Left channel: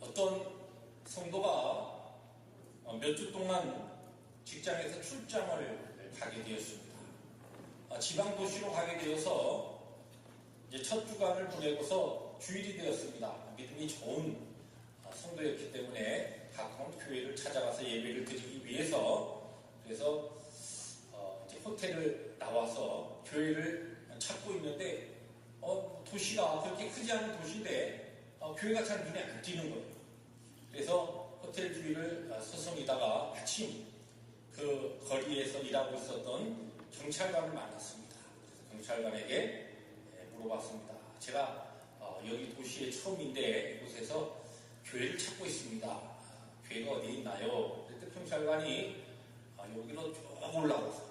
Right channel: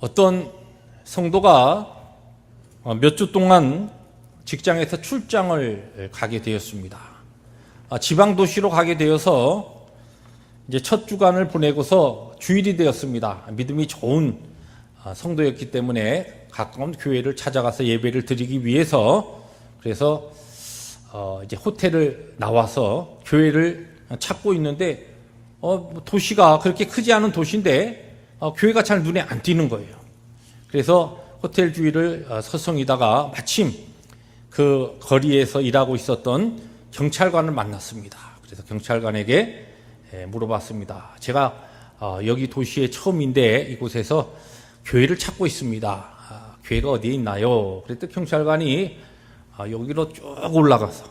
어떤 성도가 몇 주 동안 직장에서 출장을 가게 되었습니다. 지방 도시로 가게 되어서 이제 첫 주간을 보내고서 주일이 되었습니다. 믿음이 좋은 성도였기 때문에 가까운 교회를 찾아가서 예배를 드리기 위해서 그래서 이제 호텔을 나와서 교회를 찾고 있는데 도시가 그렇게 크지 않은 도시인데 교회가 잘 눈에 안 띄는 거예요. 그래서 호텔 주위를 서성이다가 마침 그 거리에서 일하고 있었던 경찰관을 만났습니다. 그래서 경찰관에게 물어봤습니다. 제가 여기 도시에 처음인데 이곳에서 교회를 찾고 있습니다. 교회가 어디에 있나요? 그랬더니 경찰관이 여기로 쭉 올라가서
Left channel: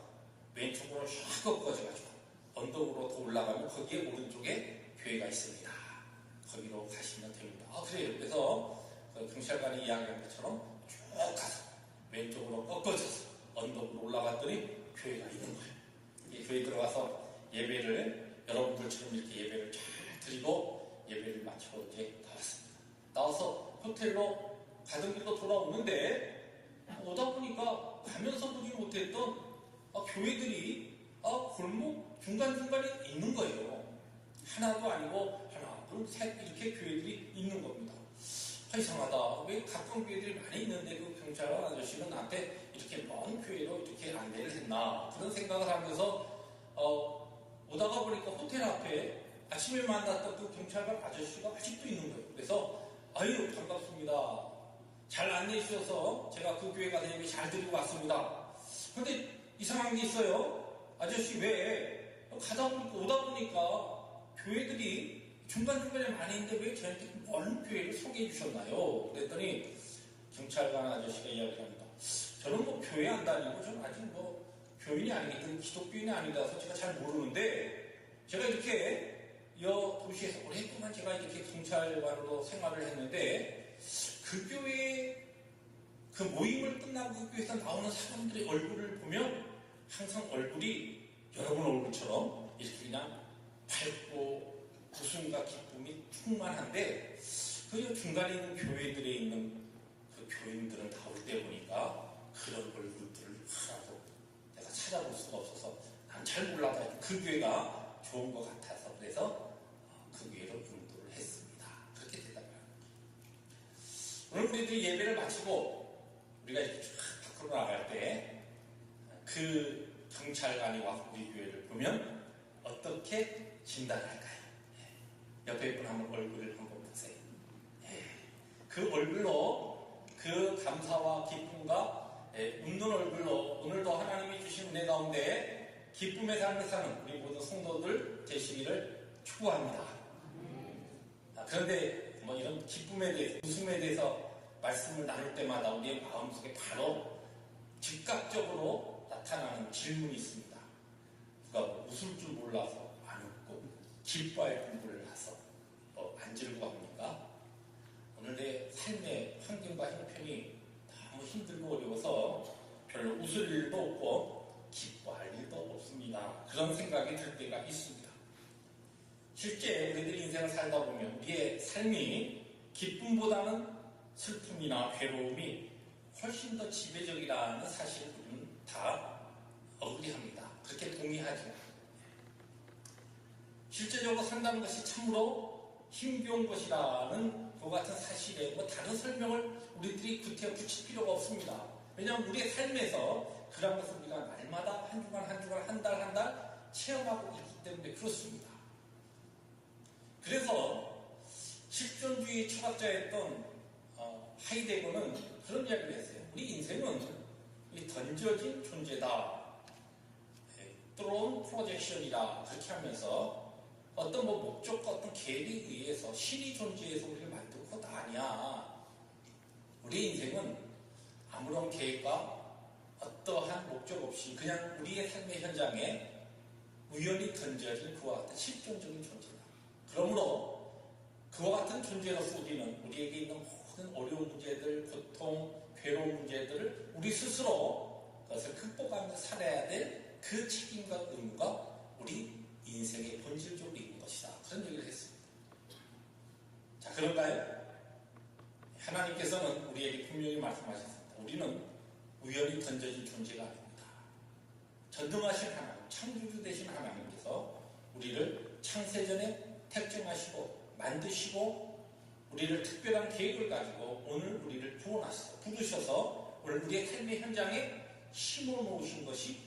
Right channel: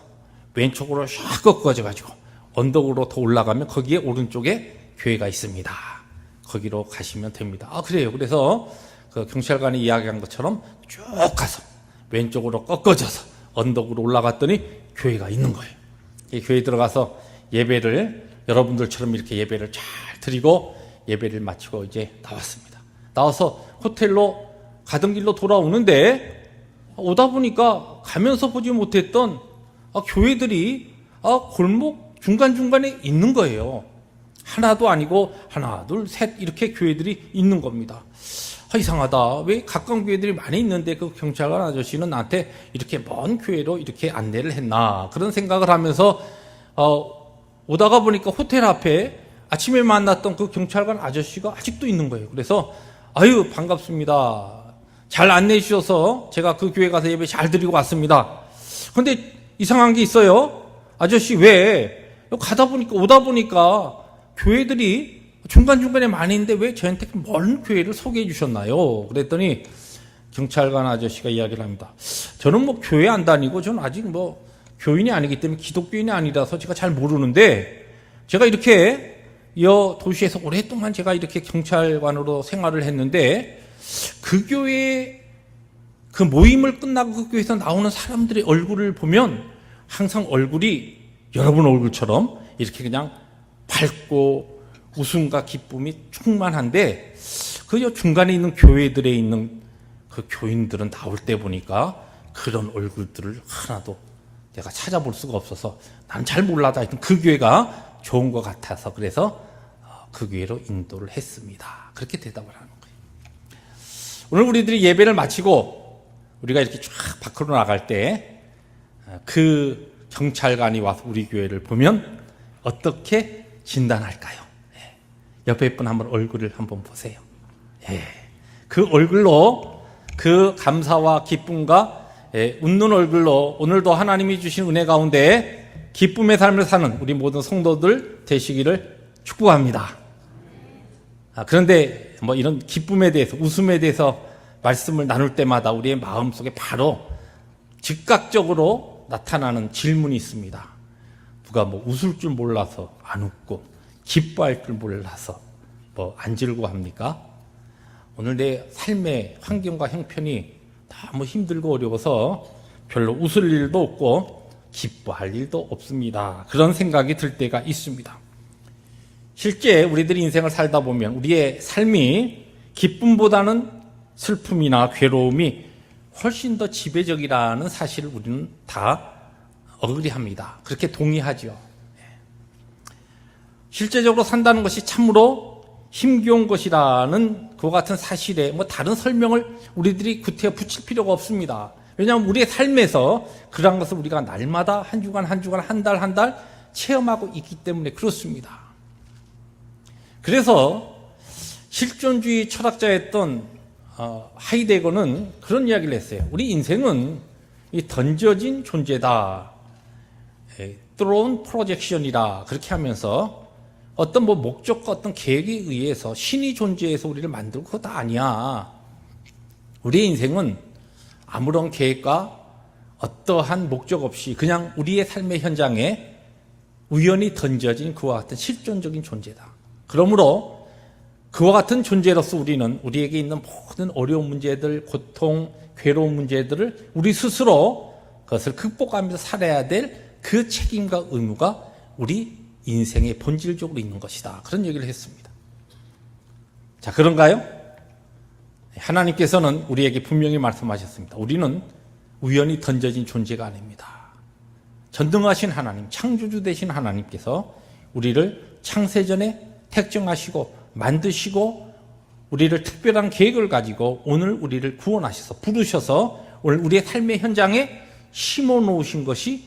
왼쪽으로 샥 꺾어져가지고 언덕으로 더 올라가면 거기에 오른쪽에 교회가 있습니다. 거기로 가시면 됩니다. 그래요. 그래서 그 경찰관이 이야기한 것처럼 쭉 가서 왼쪽으로 꺾어져서 언덕으로 올라갔더니 교회가 있는 거예요. 이 교회에 들어가서 예배를 여러분들처럼 이렇게 예배를 잘 드리고 예배를 마치고 이제 나왔습니다. 나와서 호텔로 가던 길로 돌아오는데 오다 보니까 가면서 보지 못했던 교회들이 골목 중간중간에 있는 거예요. 하나도 아니고 하나, 둘, 셋 이렇게 교회들이 있는 겁니다. 이상하다. 왜 가까운 교회들이 많이 있는데 그 경찰관 아저씨는 나한테 이렇게 먼 교회로 이렇게 안내를 했나 그런 생각을 하면서 오다가 보니까 호텔 앞에 아침에 만났던 그 경찰관 아저씨가 아직도 있는 거예요. 그래서 아유 반갑습니다. 잘 안내해 주셔서 제가 그 교회 가서 예배 잘 드리고 왔습니다. 그런데 이상한 게 있어요. 아저씨 왜 오다 보니까 교회들이 중간중간에 많이 있는데 왜 저한테 먼 교회를 소개해 주셨나요? 그랬더니 경찰관 아저씨가 이야기를 합니다. 저는 뭐 교회 안 다니고 저는 아직 뭐 교인이 아니기 때문에 기독교인이 아니라서 제가 잘 모르는데 제가 이렇게 이 도시에서 오랫동안 제가 이렇게 경찰관으로 생활을 했는데 그 교회 그 모임을 끝나고 그 교회에서 나오는 사람들의 얼굴을 보면 항상 얼굴이 여러분 얼굴처럼 이렇게 그냥 밝고 웃음과 기쁨이 충만한데 그 중간에 있는 교회들에 있는 그 교인들은 나올 때 보니까 그런 얼굴들을 하나도 내가 찾아볼 수가 없어서 난 잘 몰라다 하여튼 그 교회가 좋은 것 같아서 그래서 그 교회로 인도를 했습니다. 그렇게 대답을 하는 거예요. 오늘 우리들이 예배를 마치고 우리가 이렇게 쫙 밖으로 나갈 때 그 경찰관이 와서 우리 교회를 보면 어떻게 진단할까요? 옆에 분 한번 얼굴을 한번 보세요. 그 얼굴로 그 감사와 기쁨과 웃는 얼굴로 오늘도 하나님이 주신 은혜 가운데 기쁨의 삶을 사는 우리 모든 성도들 되시기를 축복합니다. 그런데 뭐 이런 기쁨에 대해서 웃음에 대해서 말씀을 나눌 때마다 우리의 마음속에 바로 즉각적으로 나타나는 질문이 있습니다. 누가 뭐 웃을 줄 몰라서 안 웃고 기뻐할 줄 몰라서 뭐 안 즐거워합니까? 오늘 내 삶의 환경과 형편이 너무 힘들고 어려워서 별로 웃을 일도 없고 기뻐할 일도 없습니다. 그런 생각이 들 때가 있습니다. 실제 우리들이 인생을 살다 보면 우리의 삶이 기쁨보다는 슬픔이나 괴로움이 훨씬 더 지배적이라는 사실을 우리는 다 어그리합니다. 그렇게 동의하죠. 실제적으로 산다는 것이 참으로 힘겨운 것이라는 그와 같은 사실에 뭐 다른 설명을 우리들이 구태여 붙일 필요가 없습니다. 왜냐하면 우리의 삶에서 그러한 것을 우리가 날마다 한 주간 한 주간 한 달 한 달 체험하고 있기 때문에 그렇습니다. 그래서 실존주의 철학자였던 하이데거는 그런 이야기를 했어요. 우리 인생은 이 던져진 존재다. thrown projection이라 그렇게 하면서 어떤 뭐 목적과 어떤 계획에 의해서 신이 존재해서 우리를 만들고 그거 다 아니야. 우리의 인생은 아무런 계획과 어떠한 목적 없이 그냥 우리의 삶의 현장에 우연히 던져진 그와 같은 실존적인 존재다. 그러므로 그와 같은 존재로서 우리는 우리에게 있는 모든 어려운 문제들, 고통, 괴로운 문제들을 우리 스스로 그것을 극복하면서 살아야 될 그 책임과 의무가 우리 인생의 본질적으로 있는 것이다. 그런 얘기를 했습니다. 자, 그런가요? 하나님께서는 우리에게 분명히 말씀하셨습니다. 우리는 우연히 던져진 존재가 아닙니다. 전능하신 하나님, 창조주 되신 하나님께서 우리를 창세전에 택정하시고 만드시고 우리를 특별한 계획을 가지고 오늘 우리를 구원하셔서 부르셔서 오늘 우리의 삶의 현장에 심어 놓으신 것이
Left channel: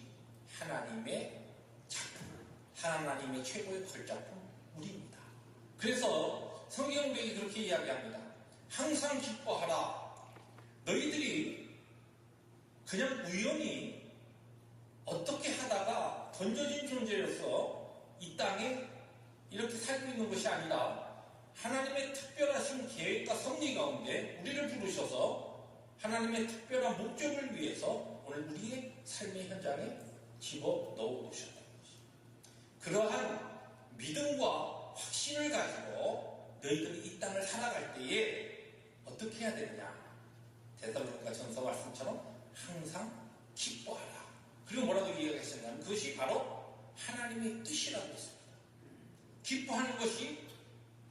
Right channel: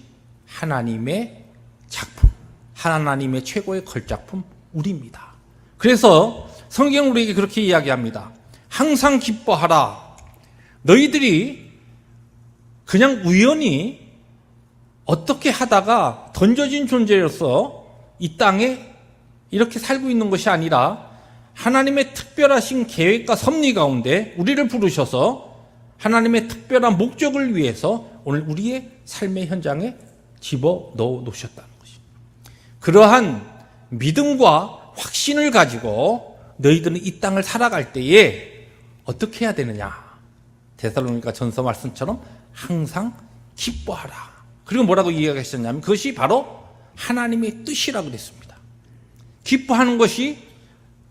하나님의 작품, 하나님의 최고의 걸작품 우리입니다. 그래서 성경 우리에게 그렇게 이야기합니다. 항상 기뻐하라. 너희들이 그냥 우연히 어떻게 하다가 던져진 존재로서 이 땅에 이렇게 살고 있는 것이 아니라 하나님의 특별하신 계획과 섭리 가운데 우리를 부르셔서 하나님의 특별한 목적을 위해서 오늘 우리의 삶의 현장에 집어넣어 놓으셨다는 것입니다. 그러한 믿음과 확신을 가지고 너희들은 이 땅을 살아갈 때에 어떻게 해야 되느냐? 데살로니가 전서 말씀처럼 항상 기뻐하라. 그리고 뭐라고 이야기하셨냐면 그것이 바로 하나님의 뜻이라고 그랬습니다. 기뻐하는 것이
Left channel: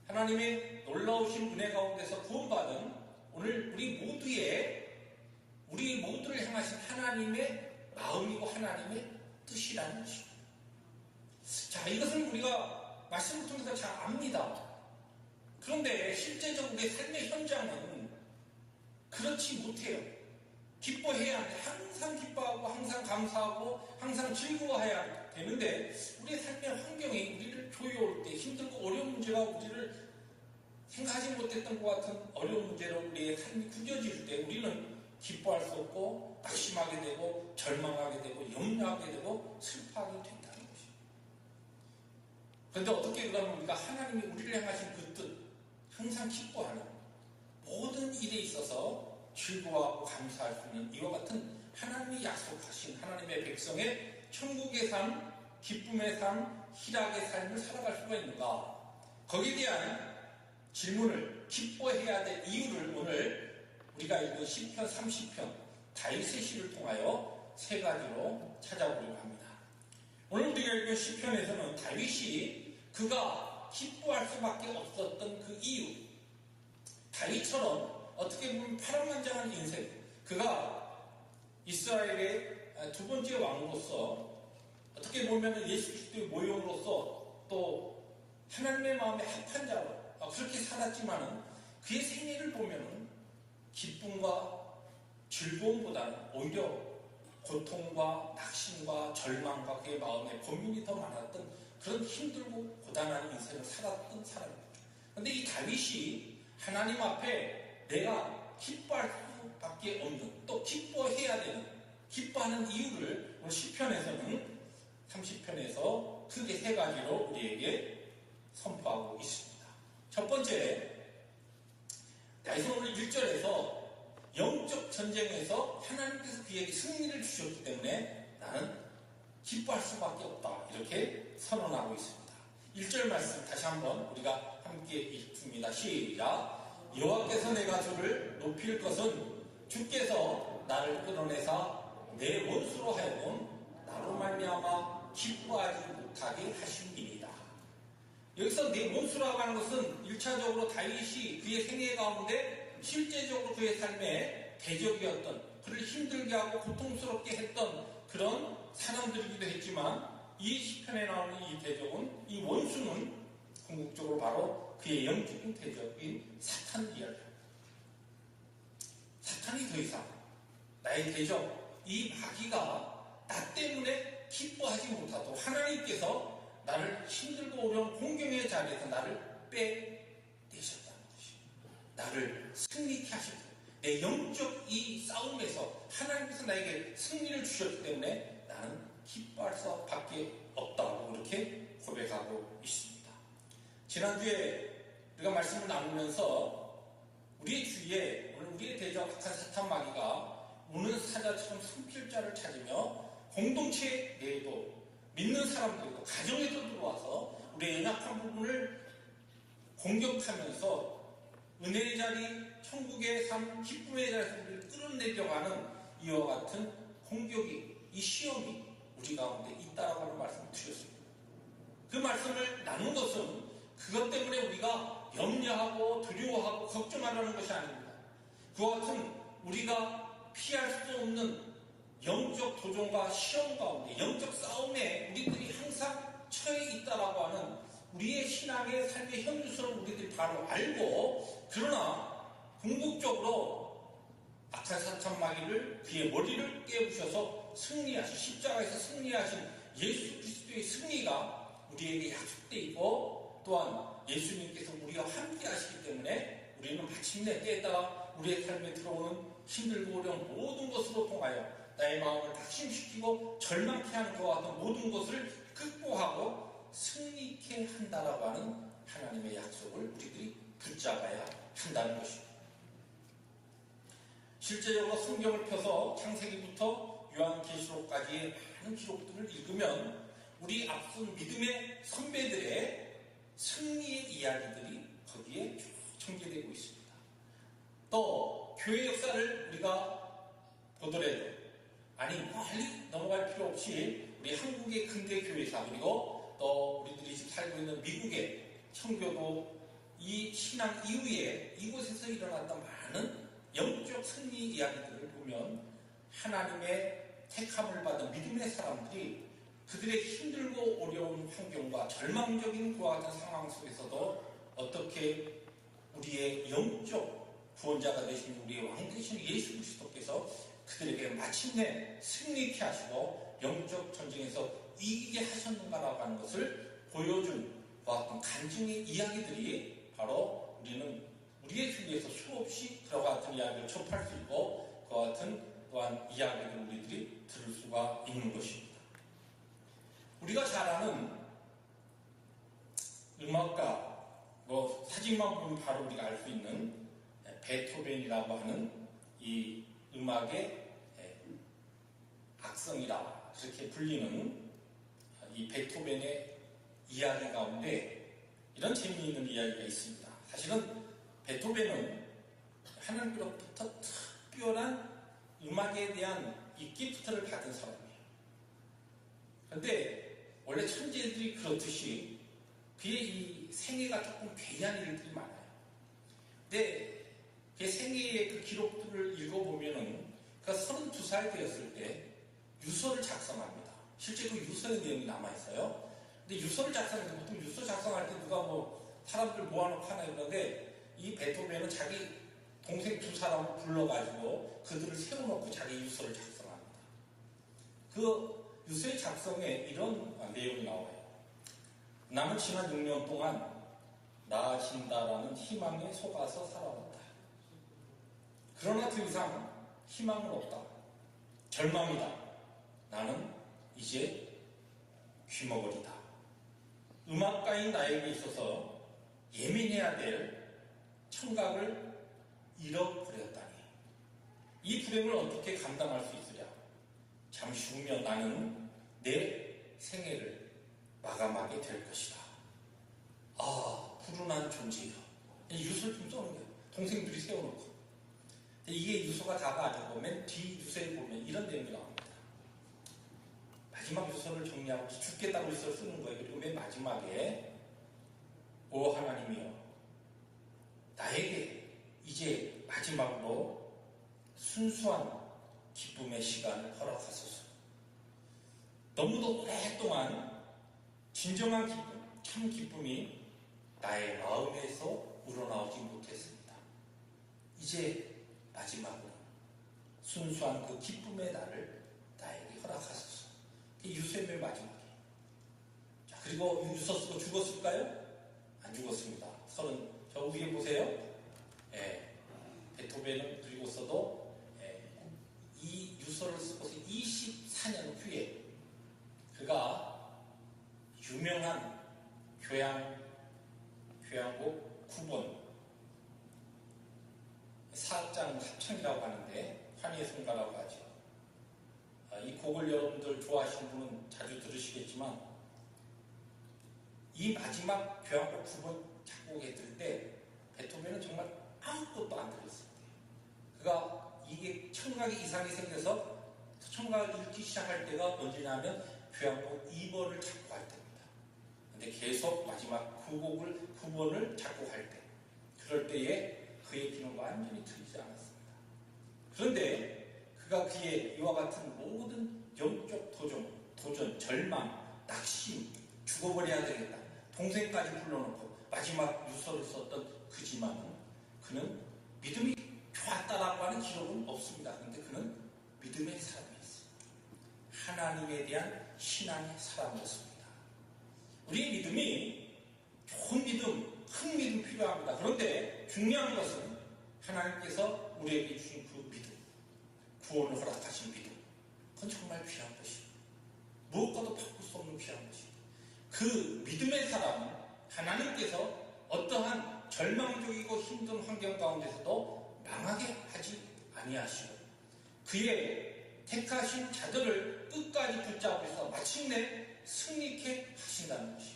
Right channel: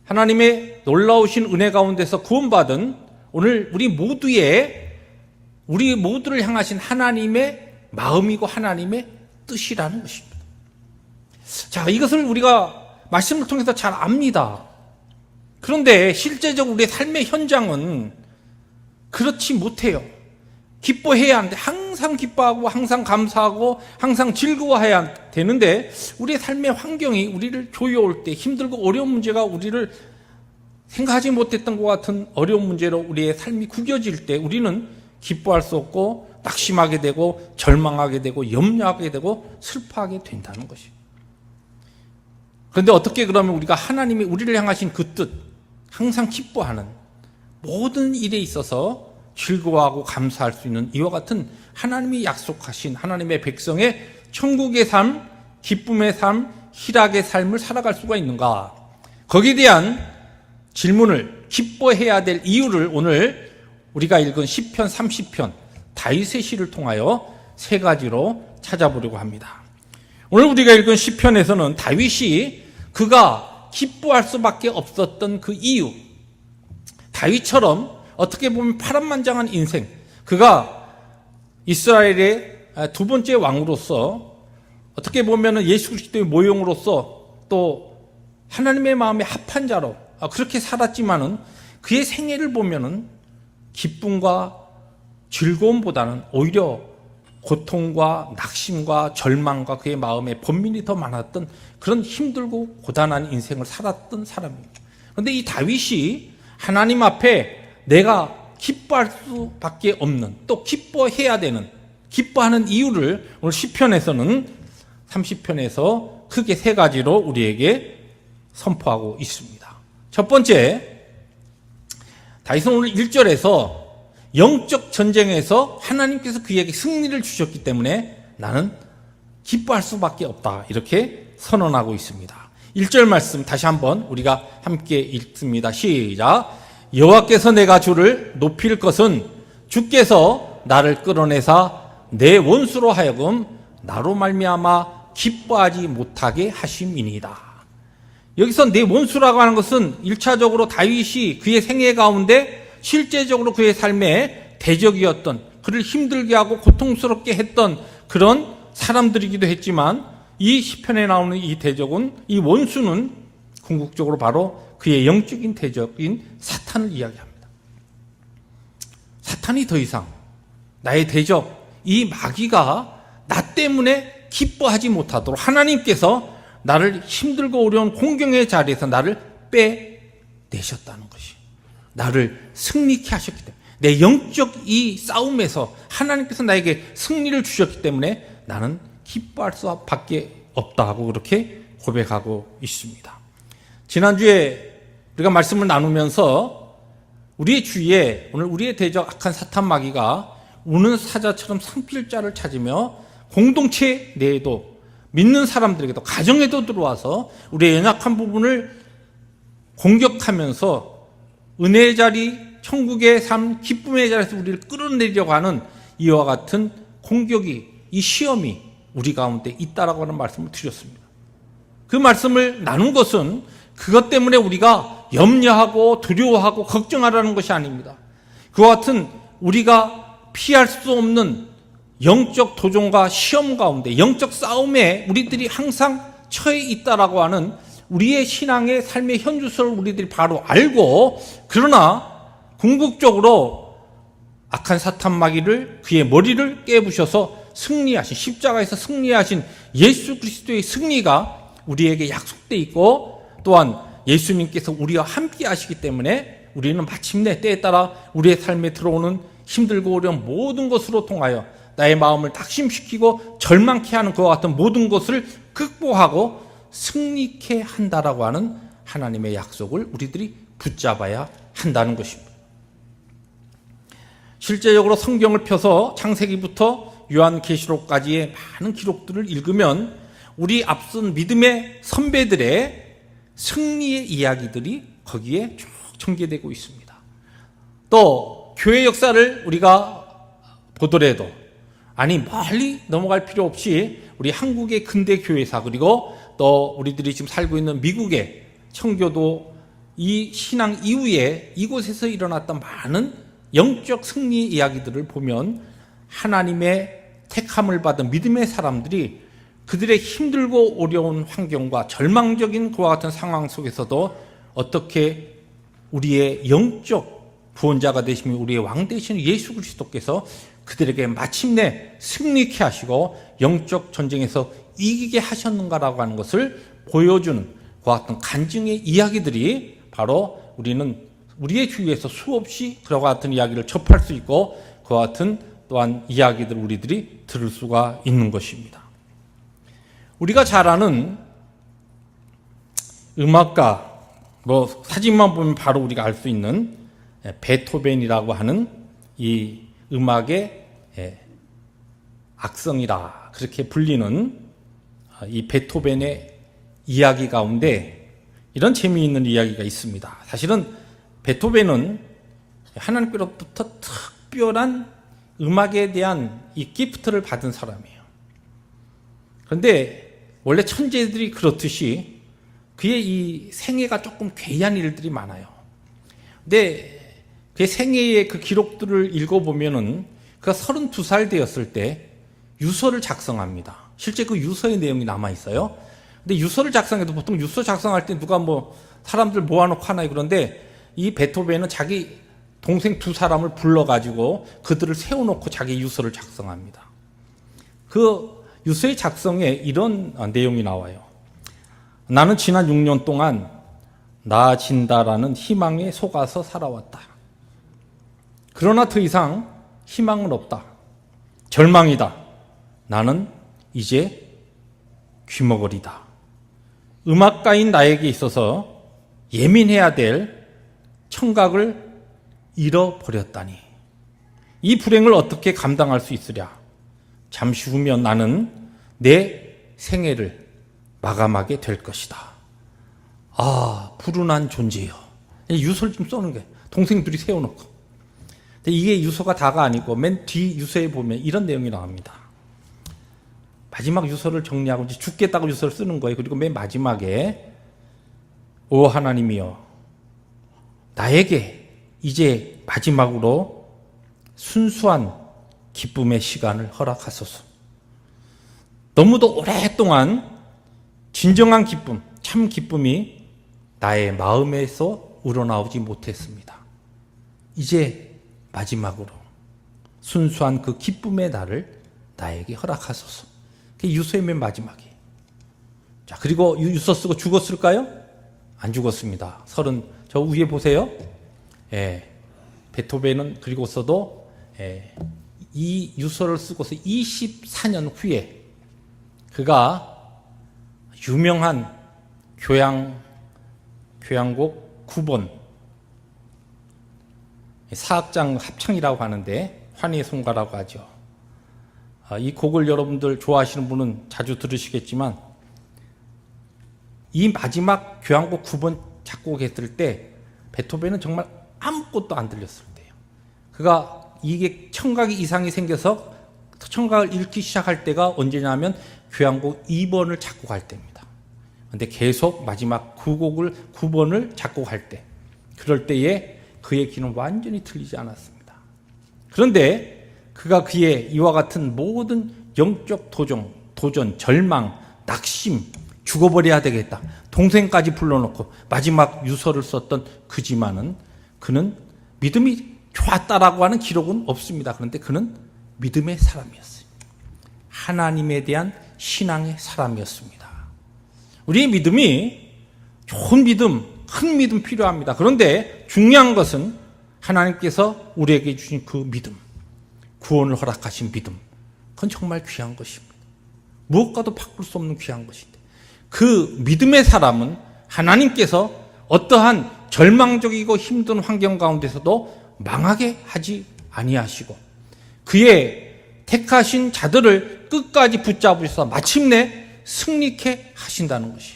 하나님의 놀라우신 은혜 가운데서 구원받은 오늘 우리 모두를 향하신 하나님의 마음이고 하나님의 뜻이라는 것입니다. 자, 이것을 우리가 말씀을 통해서 잘 압니다. 그런데 실제적으로 우리의 삶의 현장은 그렇지 못해요. 기뻐해야 하는데 항상 기뻐하고 항상 감사하고 항상 즐거워해야 되는데 우리의 삶의 환경이 우리를 조여올 때 힘들고 어려운 문제가 우리를 생각하지 못했던 것 같은 어려운 문제로 우리의 삶이 구겨질 때 우리는 기뻐할 수 없고 낙심하게 되고 절망하게 되고 염려하게 되고 슬퍼하게 된다는 것이에요. 그런데 어떻게 그러면 우리가 하나님이 우리를 향하신 그 뜻, 항상 기뻐하는 모든 일에 있어서 즐거워하고 감사할 수 있는 이와 같은 하나님이 약속하신 하나님의 백성의 천국의 삶, 기쁨의 삶, 희락의 삶을 살아갈 수가 있는가? 거기에 대한 질문을, 기뻐해야 될 이유를 오늘 우리가 읽은 시편 30편 다윗의 시를 통하여 세 가지로 찾아보려고 합니다. 오늘 우리가 읽은 시편에서는 다윗이 그가 기뻐할 수밖에 없었던 그 이유, 다윗처럼 어떻게 보면 파란만장한 인생, 그가 이스라엘의 두 번째 왕으로서 어떻게 보면 예수 그리스도의 모형으로서 또 하나님의 마음에 합한 자로 그렇게 살았지만은 그의 생애를 보면은 기쁨과 즐거움보다는 오히려 고통과 낙심과 절망과 그의 마음에 번민이 더 많았던 그런 힘들고 고단한 인생을 살았던 사람입니다. 그런데 이 다윗이 하나님 앞에 내가 기뻐할 수밖에 없는, 또 기뻐해야 되는, 기뻐하는 이유를 오늘 시편에서는 30편에서 크게 세 가지로 우리에게 선포하고 있습니다. 첫 번째, 다윗은 오늘 1절에서 영적 전쟁에서 하나님께서 그에게 승리를 주셨기 때문에 나는 기뻐할 수밖에 없다, 이렇게 선언하고 있습니다. 1절 말씀 다시 한번 우리가 함께 읽습니다. 시작. 여호와께서 내가 주를 높일 것은 주께서 나를 끌어내사 내 원수로 하여금 나로 말미암아 기뻐하지 못하게 하심이니이다. 여기서 내 원수라고 하는 것은 1차적으로 다윗이 그의 생애 가운데 실제적으로 그의 삶의 대적이었던, 그를 힘들게 하고 고통스럽게 했던 그런 사람들이기도 했지만 이 시편에 나오는 이 대적은, 이 원수는 궁극적으로 바로 그의 영적인 대적인 사탄을 이야기합니다. 사탄이 더 이상 나의 대적, 이 마귀가 나 때문에 기뻐하지 못하도록 하나님께서 나를 힘들고 어려운 공경의 자리에서 나를 빼내셨다는 것이, 나를 승리케 하셨기 때문에, 내 영적 이 싸움에서 하나님께서 나에게 승리를 주셨기 때문에 나는 기뻐할 수밖에 없다 하고 그렇게 고백하고 있습니다. 지난주에 우리가 말씀을 나누면서 우리의 주위에 오늘 우리의 대적 악한 사탄 마귀가 우는 사자처럼 산필자를 찾으며 공동체 내에도, 믿는 사람들에게도, 가정에도 들어와서 우리의 연약한 부분을 공격하면서 은혜의 자리, 천국의 삶, 기쁨의 자리에서 우리를 끌어내려고 하는 이와 같은 공격이, 이 시험이 우리 가운데 있다라고 하는 말씀을 드렸습니다. 그 말씀을 나눈 것은 그것 때문에 우리가 염려하고 두려워하고 걱정하라는 것이 아닙니다. 그와 같은 우리가 피할 수 없는 영적 도전과 시험 가운데, 영적 싸움에 우리들이 항상 처해 있다라고 하는 우리의 신앙의 삶의 현주소를 우리들이 바로 알고, 그러나 궁극적으로 악한 사탄 마귀를, 그의 머리를 깨부셔서 승리하신, 십자가에서 승리하신 예수 그리스도의 승리가 우리에게 약속되어 있고, 또한 예수님께서 우리와 함께 하시기 때문에 우리는 마침내 때에 따라 우리의 삶에 들어오는 힘들고 어려운 모든 것으로 통하여 나의 마음을 낙심시키고 절망케 하는 그와 같은 모든 것을 극복하고 승리케 한다라고 하는 하나님의 약속을 우리들이 붙잡아야 한다는 것입니다. 실제적으로 성경을 펴서 창세기부터 요한계시록까지의 많은 기록들을 읽으면 우리 앞선 믿음의 선배들의 승리의 이야기들이 거기에 쭉 전개되고 있습니다. 또 교회 역사를 우리가 보더라도, 아니 멀리 넘어갈 필요 없이 우리 한국의 근대 교회사, 그리고 또 우리들이 지금 살고 있는 미국의 청교도, 이 신앙 이후에 이곳에서 일어났던 많은 영적 승리 이야기들을 보면 하나님의 택함을 받은 믿음의 사람들이 그들의 힘들고 어려운 환경과 절망적인 그와 같은 상황 속에서도 어떻게 우리의 영적 구원자가 되시며 우리의 왕 되시는 예수 그리스도께서 그들에게 마침내 승리케 하시고 영적 전쟁에서 이기게 하셨는가라고 하는 것을 보여주는 그와 같은 간증의 이야기들이 바로 우리는 우리의 주위에서 수없이 그와 같은 이야기를 접할 수 있고, 그와 같은 또한 이야기들을 우리들이 들을 수가 있는 것입니다. 우리가 잘 아는 음악가, 사진만 보면 바로 우리가 알 수 있는 베토벤이라고 하는 이 음악의 악성이라 그렇게 불리는 이 베토벤의 이야기 가운데 이런 재미있는 이야기가 있습니다. 사실은 베토벤은 하나님께로부터 특별한 음악에 대한 이 기프트를 받은 사람이에요. 그런데 원래 천재들이 그렇듯이 그의 이 생애가 조금 괴이한 일들이 많아요. 근데 그의 생애의 그 기록들을 읽어보면은 그가 32살 되었을 때 유서를 작성합니다. 실제 그 유서의 내용이 남아있어요. 근데 유서를 작성해도 보통 유서 작성할 때 누가 사람들 모아놓고 하나요? 그런데 이 베토벤은 자기 동생 2사람을 불러가지고 그들을 세워놓고 자기 유서를 작성합니다. 그 유서의 작성에 이런 내용이 나와요. 나는 지난 6년 동안 나아진다라는 희망에 속아서 살아왔다. 그러나 더 이상 희망은 없다. 절망이다. 나는 이제 귀머거리다. 음악가인 나에게 있어서 예민해야 될 청각을 잃어버렸다니. 이 불행을 어떻게 감당할 수 있으랴. 잠시 후면 나는 내 생애를 마감하게 될 것이다. 아, 불운한 존재요. 유서를 좀 써는 거예요. 동생들이 세워놓고. 근데 이게 유서가 다가 아니고 맨 뒤 유서에 보면 이런 내용이 나옵니다. 마지막 유서를 정리하고 이제 죽겠다고 유서를 쓰는 거예요. 그리고 맨 마지막에 오 하나님이여, 나에게 이제 마지막으로 순수한 기쁨의 시간을 허락하소서. 너무도 오랫동안 진정한 기쁨, 참 기쁨이 나의 마음에서 우러나오지 못했습니다. 이제 마지막으로 순수한 그 기쁨의 날을 나에게 허락하소서. 그게 유서의 맨 마지막이. 자, 그리고 유서 쓰고 죽었을까요? 안 죽었습니다. 저 위에 보세요. 베토벤은 그리고서도 이 유서를 쓰고서 24년 후에 그가 유명한 교향곡 9번 사악장 합창이라고 하는데 환희의 송가라고 하죠. 이 곡을 여러분들 좋아하시는 분은 자주 들으시겠지만 이 마지막 교향곡 9번 작곡했을 때 베토벤은 정말 아무것도 안 들렸을 때예요. 그가 이게 청각이 이상이 생겨서 청각을 잃기 시작할 때가 언제냐면 교향곡 2번을 작곡할 때입니다. 근데 계속 마지막 9번을 작곡할 때, 그럴 때에 그의 귀는 완전히 틀리지 않았습니다. 그런데 그가 그의 이와 같은 모든 영적 도전, 절망, 낙심, 죽어버려야 되겠다. 동생까지 불러놓고 마지막 유서를 썼던 그지만은 그는 믿음이 좋았다라고 하는 기록은 없습니다. 그런데 그는 믿음의 사람이었어요. 하나님에 대한 신앙의 사람이었습니다. 우리의 믿음이 좋은 믿음, 큰 믿음 필요합니다. 그런데 중요한 것은 하나님께서 우리에게 주신 그 믿음, 구원을 허락하신 믿음, 그건 정말 귀한 것입니다. 무엇과도 바꿀 수 없는 귀한 것인데 그 믿음의 사람은 하나님께서 어떠한 절망적이고 힘든 환경 가운데서도 망하게 하지 아니하시고 그의 택하신 자들을 끝까지 붙잡으셔서 마침내 승리케 하신다는 것이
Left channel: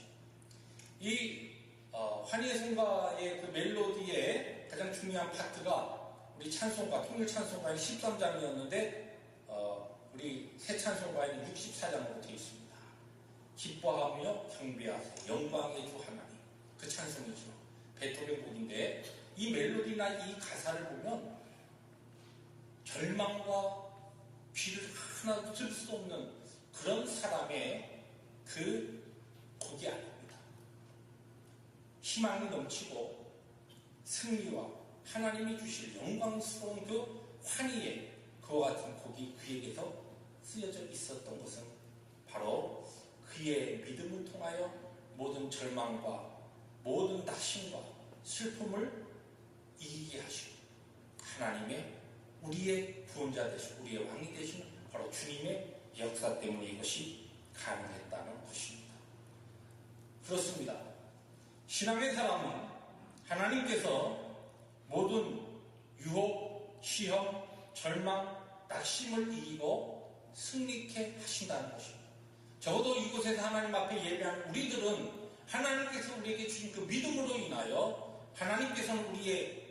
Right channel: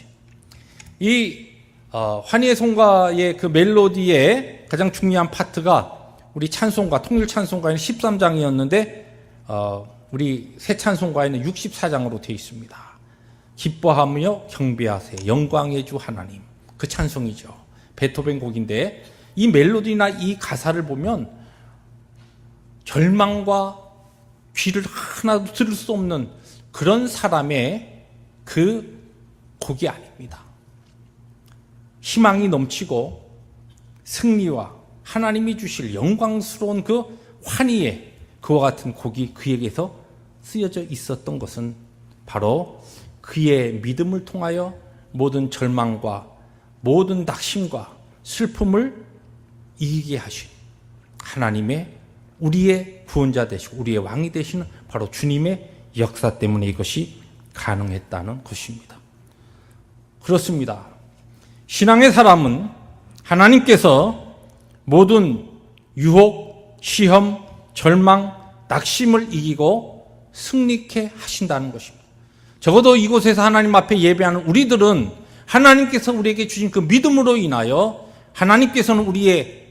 이 환희의 송가의 그 멜로디의 가장 중요한 파트가 우리 찬송가 통일 찬송가에는 13장이었는데 우리 새 찬송가에는 64장으로 되어 있습니다. 기뻐하며 경배하세 영광의 주 하나님, 그 찬송이죠. 베토벤 곡인데 이 멜로디나 이 가사를 보면 절망과 귀를 하나도 들을 수 없는 그런 사람의 그 곡이 아닙니다. 희망이 넘치고 승리와 하나님이 주실 영광스러운 그 환희의 그와 같은 곡이 그에게서 쓰여져 있었던 것은 바로 그의 믿음을 통하여 모든 절망과 모든 낙심과 슬픔을 이기게 하신 하나님의 우리의 구원자 되시고 우리의 왕이 되시는 바로 주님의 역사 때문에 이것이 가능했다는 것입니다. 그렇습니다. 신앙의 사람은 하나님께서 모든 유혹, 시험, 절망, 낙심을 이기고 승리케 하신다는 것입니다. 적어도 이곳에서 하나님 앞에 예배하는 우리들은 하나님께서 우리에게 주신 그 믿음으로 인하여 하나님께서는 우리의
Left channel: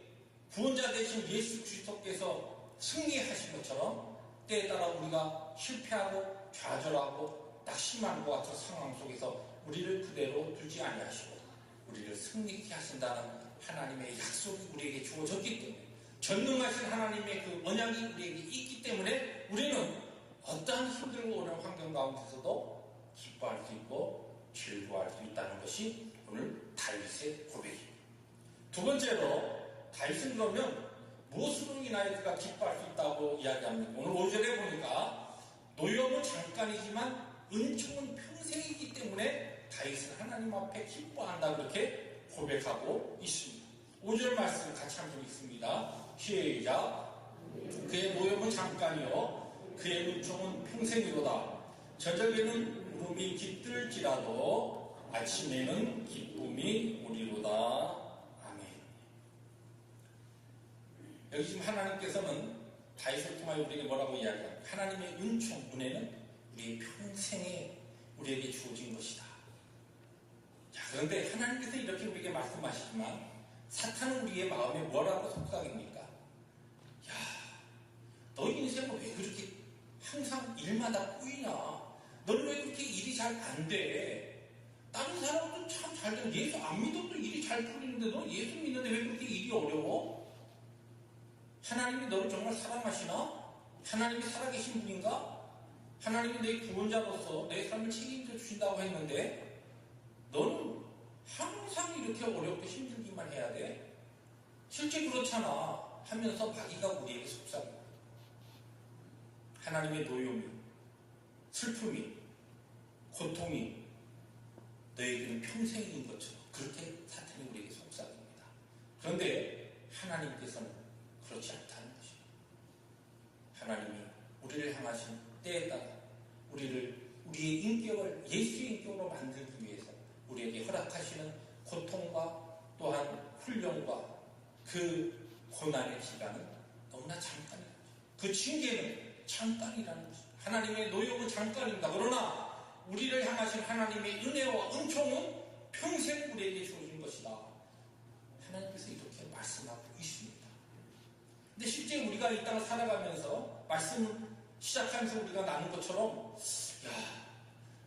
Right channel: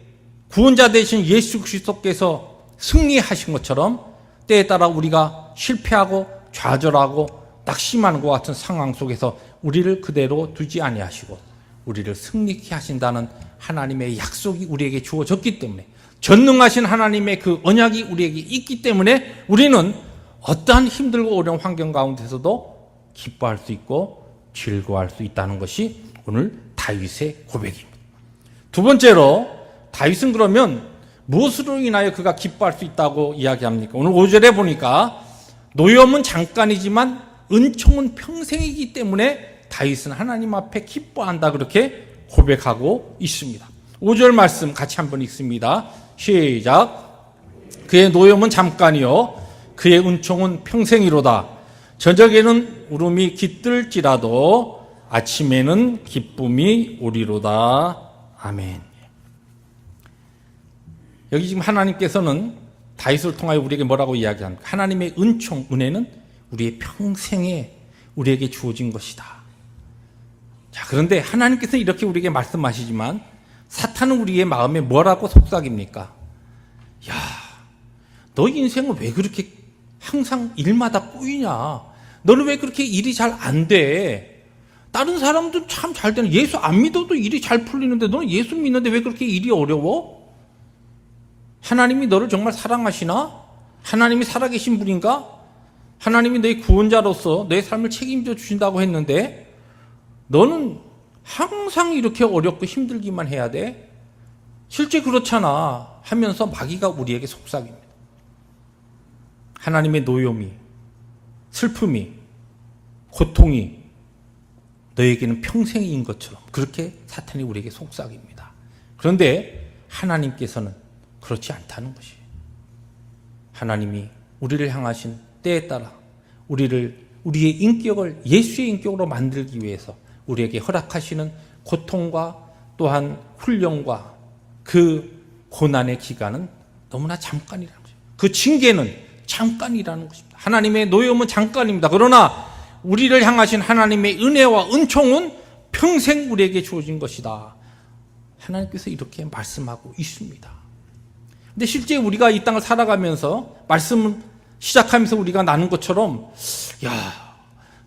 구원자 되신 예수 그리스도께서 승리하신 것처럼 때에 따라 우리가 실패하고 좌절하고 낙심하는 것 같은 상황 속에서 우리를 그대로 두지 아니하시고 우리를 승리케 하신다는 하나님의 약속이 우리에게 주어졌기 때문에 전능하신 하나님의 그 언약이 우리에게 있기 때문에 우리는 어떠한 힘들고 어려운 환경 가운데서도 기뻐할 수 있고 즐거워할 수 있다는 것이 오늘 다윗의 고백입니다. 두 번째로 다윗은 그러면 무엇으로 인하여 그가 기뻐할 수 있다고 이야기합니까? 오늘 5절에 보니까 노염은 잠깐이지만 은총은 평생이기 때문에 다윗은 하나님 앞에 기뻐한다 그렇게 고백하고 있습니다. 5절 말씀 같이 한번 읽습니다. 시작. 그의 노염은 잠깐이요 그의 은총은 평생이로다. 저녁에는 울음이 깃들지라도 아침에는 기쁨이 오리로다. 아멘. 여기 지금 하나님께서는 다윗을 통하여 우리에게 뭐라고 이야기합니까? 하나님의 은총, 은혜는 우리의 평생에 우리에게 주어진 것이다. 자, 그런데 하나님께서 이렇게 우리에게 말씀하시지만 사탄은 우리의 마음에 뭐라고 속삭입니까? 야, 너 인생은 왜 그렇게 항상 일마다 꼬이냐? 너는 왜 그렇게 일이 잘 안 돼? 다른 사람도 참 잘 되는, 예수 안 믿어도 일이 잘 풀리는데 너는 예수 믿는데 왜 그렇게 일이 어려워? 하나님이 너를 정말 사랑하시나? 하나님이 살아계신 분인가? 하나님이 너의 구원자로서 너의 삶을 책임져 주신다고 했는데 너는 항상 이렇게 어렵고 힘들기만 해야 돼? 실제 그렇잖아 하면서 마귀가 우리에게 속삭입니다. 하나님의 노염이, 슬픔이, 고통이 너에게는 평생인 것처럼 그렇게 사탄이 우리에게 속삭입니다. 그런데 하나님께서는 그렇지 않다는 것이에요. 하나님이 우리를 향하신 때에 따라 우리의 인격을 예수의 인격으로 만들기 위해서 우리에게 허락하시는 고통과 또한 훈련과 그 고난의 기간은 너무나 잠깐이라는 거죠. 그 징계는 잠깐이라는 것입니다. 하나님의 노염은 잠깐입니다. 그러나 우리를 향하신 하나님의 은혜와 은총은 평생 우리에게 주어진 것이다. 하나님께서 이렇게 말씀하고 있습니다. 근데 실제 우리가 이 땅을 살아가면서 말씀을 시작하면서 우리가 나눈 것처럼 야,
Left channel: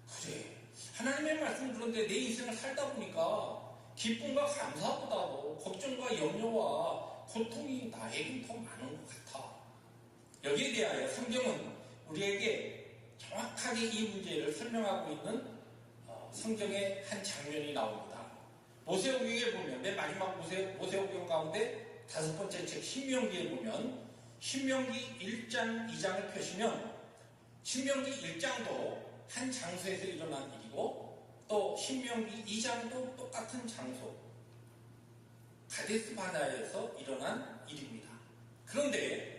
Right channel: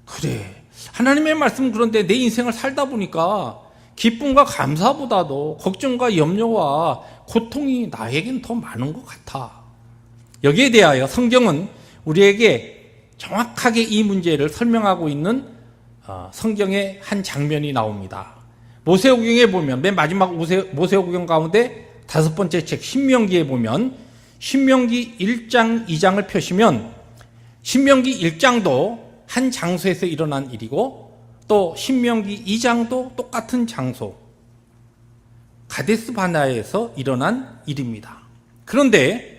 그래. 하나님의 말씀은 그런데 내 인생을 살다 보니까 기쁨과 감사보다도 걱정과 염려와 고통이 나에겐 더 많은 것 같아. 여기에 대하여 성경은 우리에게 정확하게 이 문제를 설명하고 있는 성경의 한 장면이 나옵니다. 모세오경에 보면 맨 마지막 모세오경 가운데 5번째 책 신명기에 보면 신명기 1장 2장을 펴시면 신명기 1장도 한 장소에서 일어난 일이고 또 신명기 2장도 똑같은 장소 가데스 바네아에서 일어난 일입니다. 그런데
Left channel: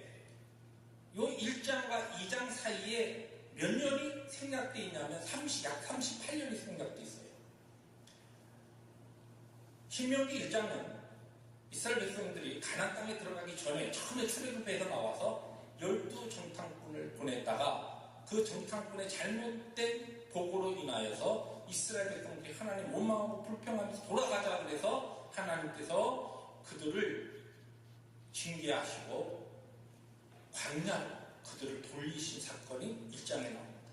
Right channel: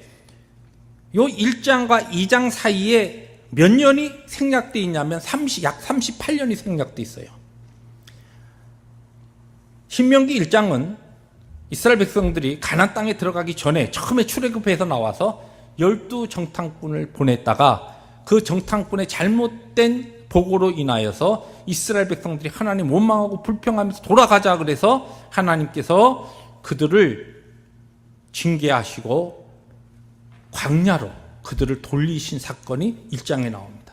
이 1장과 2장 사이에 몇 년이 생략되어 있냐면 약 38년이 생략되어 있어요. 신명기 1장은 이스라엘 백성들이 가나안 땅에 들어가기 전에 처음에 출애굽해서 나와서 12정탐꾼을 보냈다가 그 정탐꾼의 잘못된 보고로 인하여서 이스라엘 백성들이 하나님 원망하고 불평하면서 돌아가자 그래서 하나님께서 그들을 징계하시고 광야로 그들을 돌리신 사건이 1장에 나옵니다.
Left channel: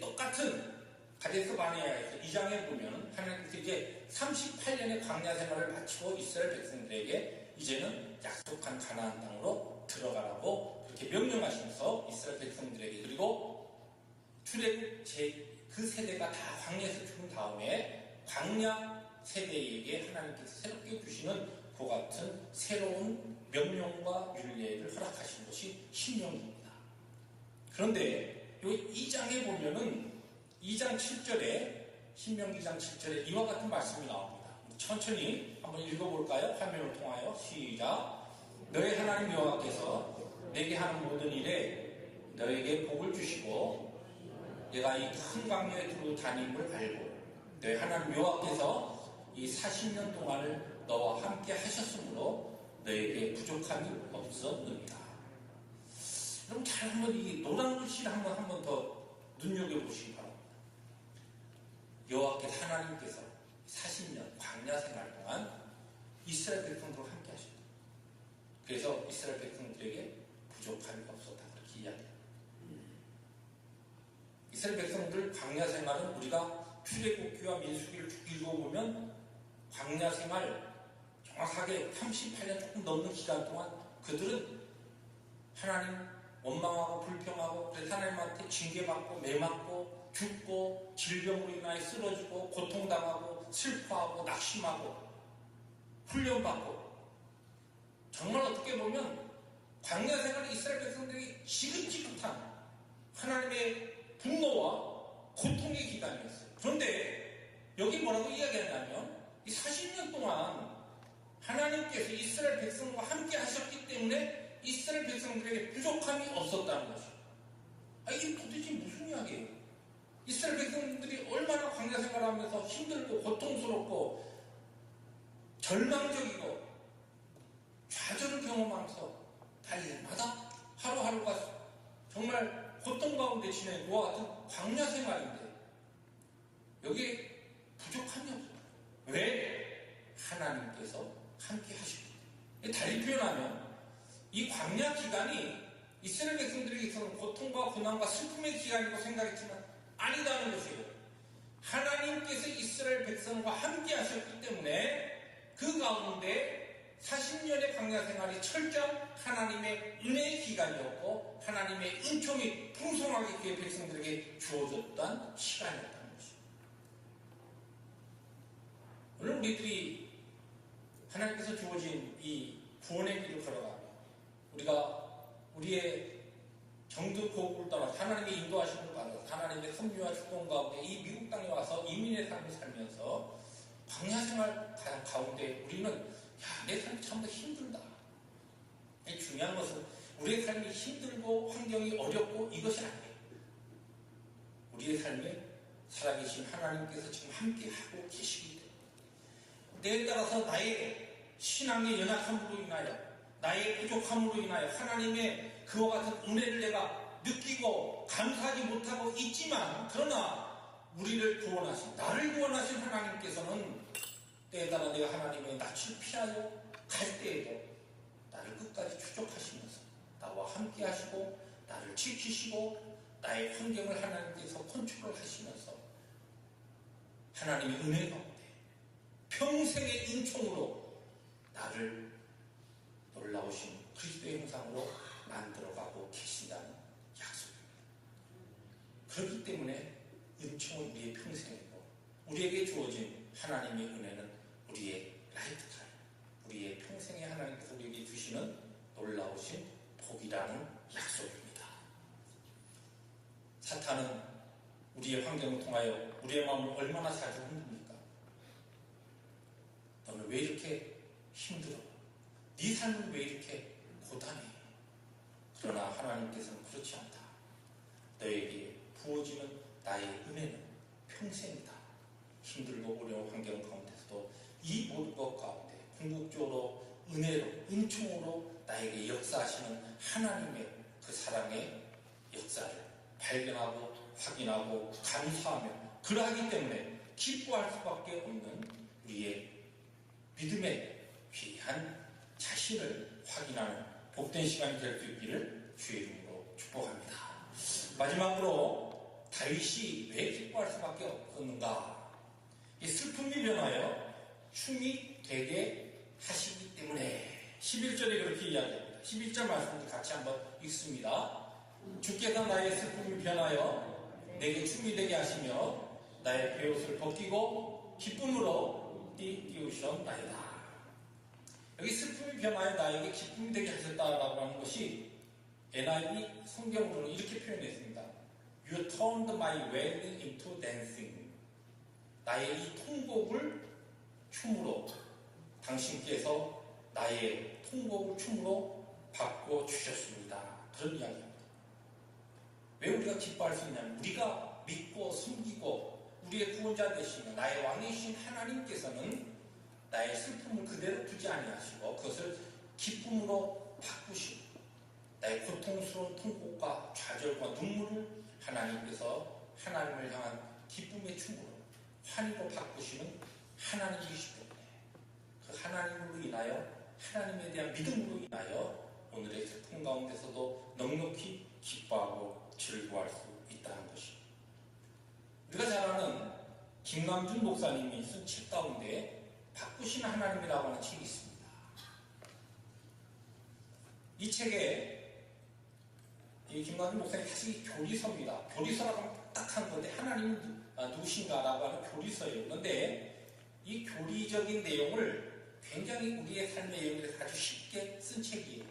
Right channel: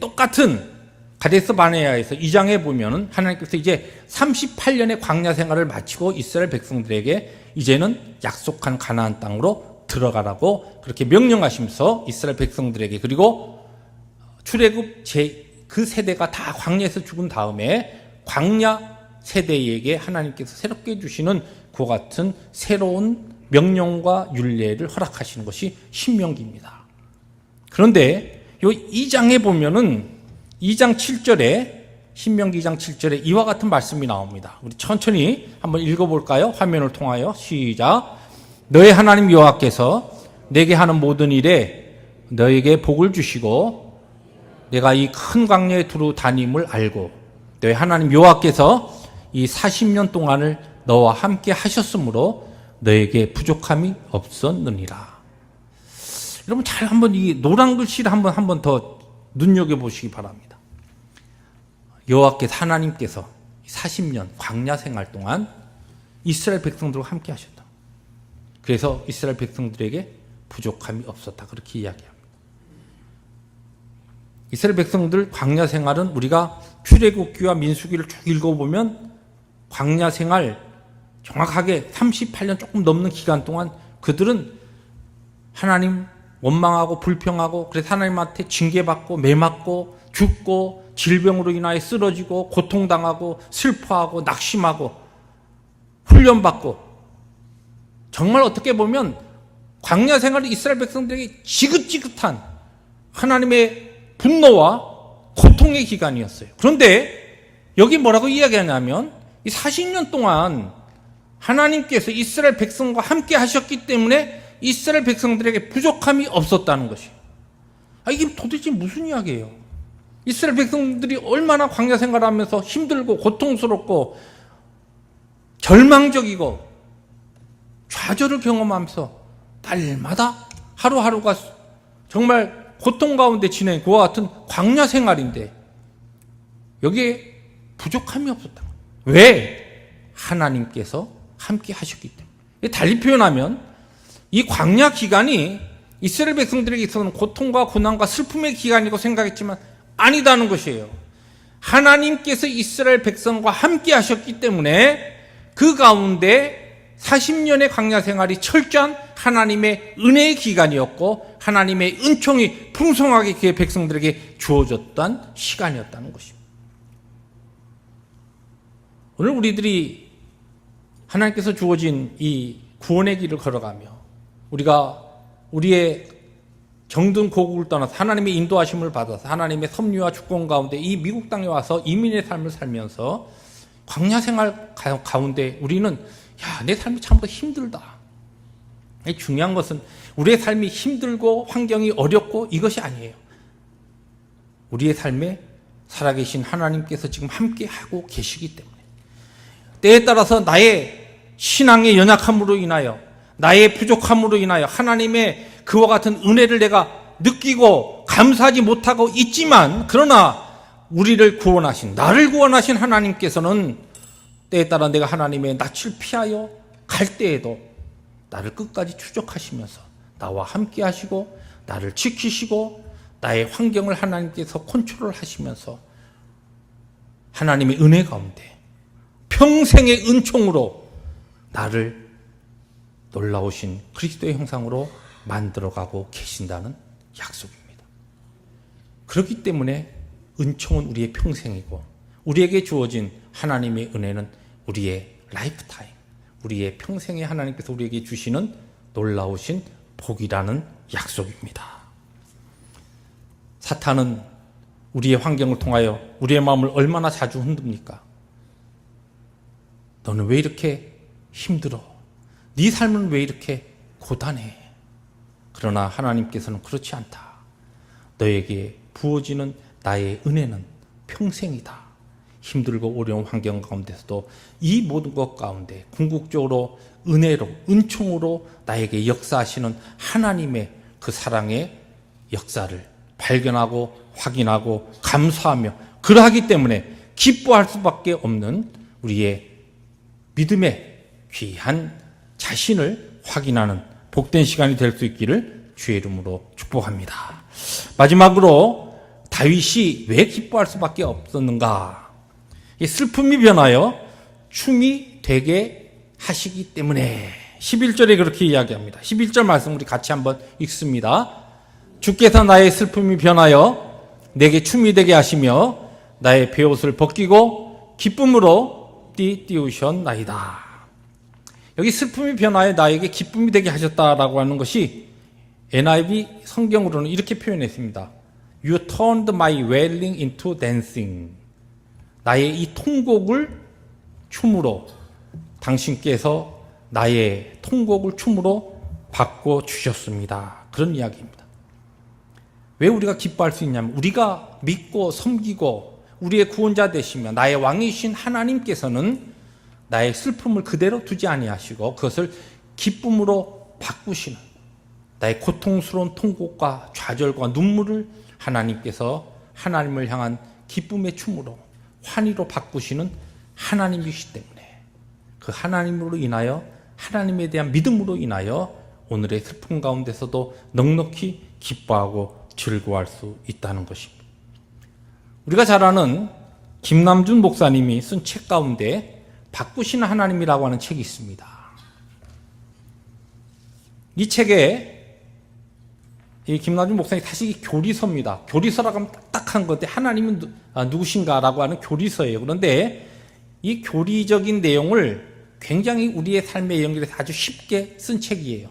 똑같은 가데스 바네아에서 2장에 보면은 하나님께서 이제 38년의 광야 생활을 마치고 이스라엘 백성들에게 이제는 약속한 가나안 땅으로 들어가라고 그렇게 명령하시면서 이스라엘 백성들에게 그리고 출애굽 그 세대가 다 광야에서 죽은 다음에 광야 세대에게 하나님께서 새롭게 주시는 그 같은 새로운 명령과 율례를 허락하시는 것이 신명기입니다. 그런데 이 2장에 보면은 2장 7절에 신명기 2장 7절에 이와 같은 말씀이 나옵니다. 우리 천천히 한번 읽어볼까요? 화면을 통하여 시작. 너의 하나님 여호와께서 내게 하는 모든 일에 너에게 복을 주시고 내가 이 큰 광야에 두루 다님을 알고 너의 하나님 여호와께서 이 40년 동안을 너와 함께 하셨으므로 너에게 부족함이 없었느니라. 여러분 잘 한번 이 노란 글씨를 한번 더 눈여겨보시기 바랍니다. 여호와께서 하나님께서 40년 광야 생활 동안 이스라엘 백성들과 함께 하셨다. 그래서 이스라엘 백성들에게 부족함이 없었다. 그렇게 이야기합니다. 이스라엘 백성들 광야 생활은 우리가 출애굽기와 민수기를 쭉 읽어보면 광야 생활 정확하게 38년 조금 넘는 기간 동안 그들은 하나님 원망하고 불평하고 그래서 하나님한테 징계받고 매맞고 죽고 질병으로 인하여 쓰러지고 고통당하고 슬퍼하고 낙심하고 훈련받고 정말 어떻게 보면 광야 생활은 이스라엘 백성들에게 지긋지긋한 하나님의 분노와 고통의 기간이었어요. 그런데 여기 뭐라고 이야기하냐면 이 40년 동안 하나님께서 이스라엘 백성과 함께 하셨기 때문에 이스라엘 백성들에게 부족함이 없었다는 것이에요. 이게 도대체 무슨 이야기예요? 이스라엘 백성들이 얼마나 광야 생활하면서 힘들고 고통스럽고 절망적이고 좌절을 경험하면서 날마다 하루하루가 정말 고통 가운데 지낸 그와 같은 광야 생활인데 여기에 부족함이 없었다. 왜? 하나님께서 함께 하셨기 때문에. 달리 표현하면 이 광야 기간이 이스라엘 백성들에게 있어서는 고통과 고난과 슬픔의 기간이고 생각했지만 아니다는 것이에요. 하나님께서 이스라엘 백성과 함께 하셨기 때문에 그 가운데 40년의 광야 생활이 철저한 하나님의 은혜의 기간이었고 하나님의 은총이 풍성하게 그의 백성들에게 주어졌던 시간이었다는 것입니다. 오늘 우리들이 하나님께서 주어진 이 구원의 길을 걸어가며 우리가 우리의 정든 고국을 떠나서 하나님의 인도하심을 받아서 하나님의 섭리와 주권 가운데 이 미국 땅에 와서 이민의 삶을 살면서 광야 생활 가운데 우리는 내 삶이 참 더 힘들다. 중요한 것은 우리의 삶이 힘들고 환경이 어렵고 이것이 아니에요. 우리의 삶에 살아계신 하나님께서 지금 함께하고 계시기 때문에 때에 따라서 나의 신앙의 연약함으로 인하여 나의 부족함으로 인하여 하나님의 그와 같은 은혜를 내가 느끼고 감사하지 못하고 있지만 그러나 우리를 구원하신 나를 구원하신 하나님께서는 때에 따라 내가 하나님의 낯을 피하여 갈 때에도 나를 끝까지 추적하시면서 나와 함께 하시고 나를 지키시고 나의 환경을 하나님께서 컨트롤 하시면서 하나님의 은혜 가운데 평생의 은총으로 나를 놀라우신 그리스도의 형상으로 만들어가고 계신다는 약속입니다. 그렇기 때문에 은총은 우리의 평생이고 우리에게 주어진 하나님의 은혜는 우리의 라이프타임, 우리의 평생에 하나님께서 우리에게 주시는 놀라우신 복이라는 약속입니다. 사탄은 우리의 환경을 통하여 우리의 마음을 얼마나 자주 흔듭니까? 너는 왜 이렇게 힘들어? 네 삶은 왜 이렇게 고단해? 그러나 하나님께서는 그렇지 않다. 너에게 부어지는 나의 은혜는 평생이다. 힘들고 어려운 환경 가운데서도 이 모든 것 가운데 궁극적으로 은혜로, 은총으로 나에게 역사하시는 하나님의 그 사랑의 역사를 발견하고 확인하고 감사하며 그러하기 때문에 기뻐할 수밖에 없는 우리의 믿음의 귀한 자신을 확인하는 복된 시간이 될 수 있기를 주의 이름으로 축복합니다. 마지막으로 다윗이 왜 기뻐할 수밖에 없었는가? 슬픔이 변하여 춤이 되게 하시기 때문에 11절에 그렇게 이야기합니다. 11절 말씀 우리 같이 한번 읽습니다. 주께서 나의 슬픔이 변하여 내게 춤이 되게 하시며 나의 베옷을 벗기고 기쁨으로 띄우셨나이다. 여기 슬픔이 변하여 나에게 기쁨이 되게 하셨다라고 하는 것이 NIV 성경으로는 이렇게 표현했습니다. You turned my wailing into dancing. 나의 이 통곡을 춤으로, 당신께서 나의 통곡을 춤으로 바꿔주셨습니다. 그런 이야기입니다. 왜 우리가 기뻐할 수 있냐면 우리가 믿고 섬기고 우리의 구원자 되시며 나의 왕이신 하나님께서는 나의 슬픔을 그대로 두지 아니하시고 그것을 기쁨으로 바꾸시는, 나의 고통스러운 통곡과 좌절과 눈물을 하나님께서 하나님을 향한 기쁨의 춤으로 환희로 바꾸시는 하나님이시기 때문에 그 하나님으로 인하여, 하나님에 대한 믿음으로 인하여 오늘의 슬픔 가운데서도 넉넉히 기뻐하고 즐거워할 수 있다는 것입니다. 우리가 잘 아는 김남준 목사님이 쓴 책 가운데 바꾸시는 하나님이라고 하는 책이 있습니다. 이 책에 이 김남준 목사님 사실 교리서입니다. 교리서라고 하면 딱딱한 건데 하나님은 누구신가라고 하는 교리서예요. 그런데 이 교리적인 내용을 굉장히 우리의 삶에 연결해서 아주 쉽게 쓴 책이에요.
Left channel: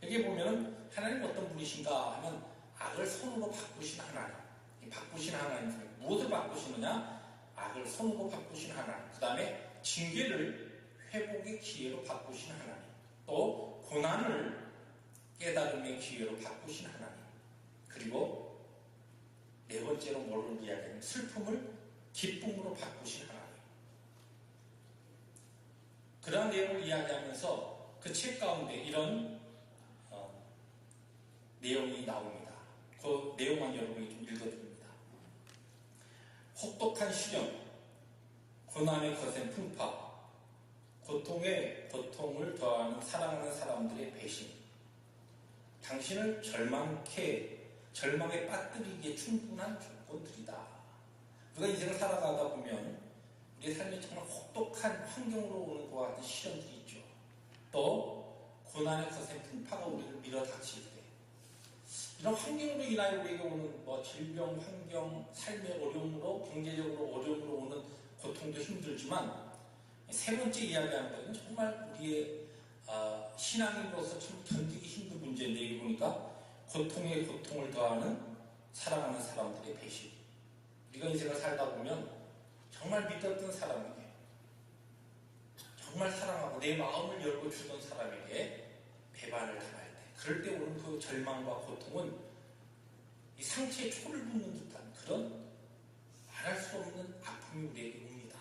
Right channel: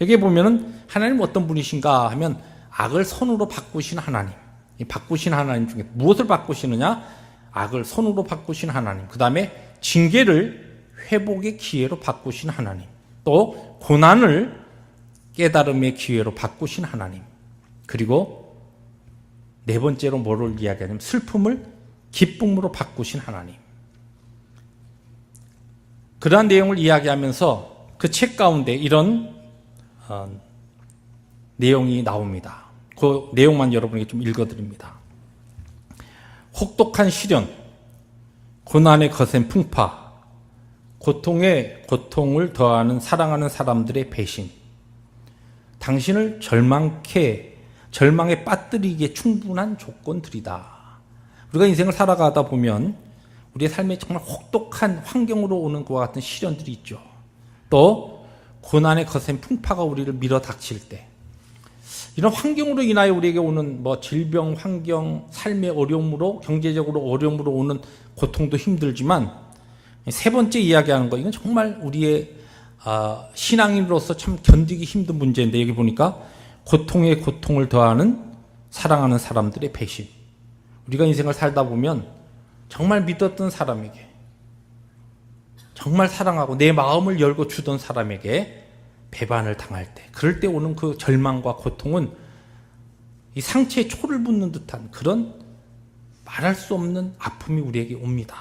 여기에 보면은 하나님 어떤 분이신가 하면 악을 선으로 바꾸신 하나님. 이 바꾸신 하나님 중에 무엇을 바꾸시느냐? 악을 선으로 바꾸신 하나님. 그 다음에 징계를 회복의 기회로 바꾸신 하나님. 또 고난을 깨달음의 기회로 바꾸신 하나님. 그리고 네 번째로 뭐를 이야기하냐면 슬픔을 기쁨으로 바꾸신 하나님. 그러한 내용을 이야기하면서 그 책 가운데 이런 내용이 나옵니다. 그 내용만 여러분에게 좀 읽어드립니다. 혹독한 시련, 고난의 거센 풍파, 고통에 고통을 더하는 사랑하는 사람들의 배신, 당신을 절망에 빠뜨리기에 충분한 조건들이다. 우리가 인생을 살아가다 보면 우리의 삶에 정말 혹독한 환경으로 오는 것과 같은 시련들이 있죠. 또 고난의 거센 풍파가 우리를 밀어닥칠 때, 이런 환경으로 인하여 우리에게 오는 질병, 환경, 삶의 어려움으로, 경제적으로 어려움으로 오는 고통도 힘들지만, 세 번째 이야기하는 거, 이건 정말 우리의 신앙인으로서 참 견디기 힘든 문제인데, 여기 보니까 고통에 고통을 더하는 사랑하는 사람들의 배신. 우리가 인생을 살다 보면 정말 믿었던 사람에게, 정말 사랑하고 내 마음을 열고 주던 사람에게 배반을 당할 때, 그럴 때 오는 그 절망과 고통은 이 상체에 초를 붓는 듯한 그런 말할 수 없는 아픔이 우리에게 옵니다.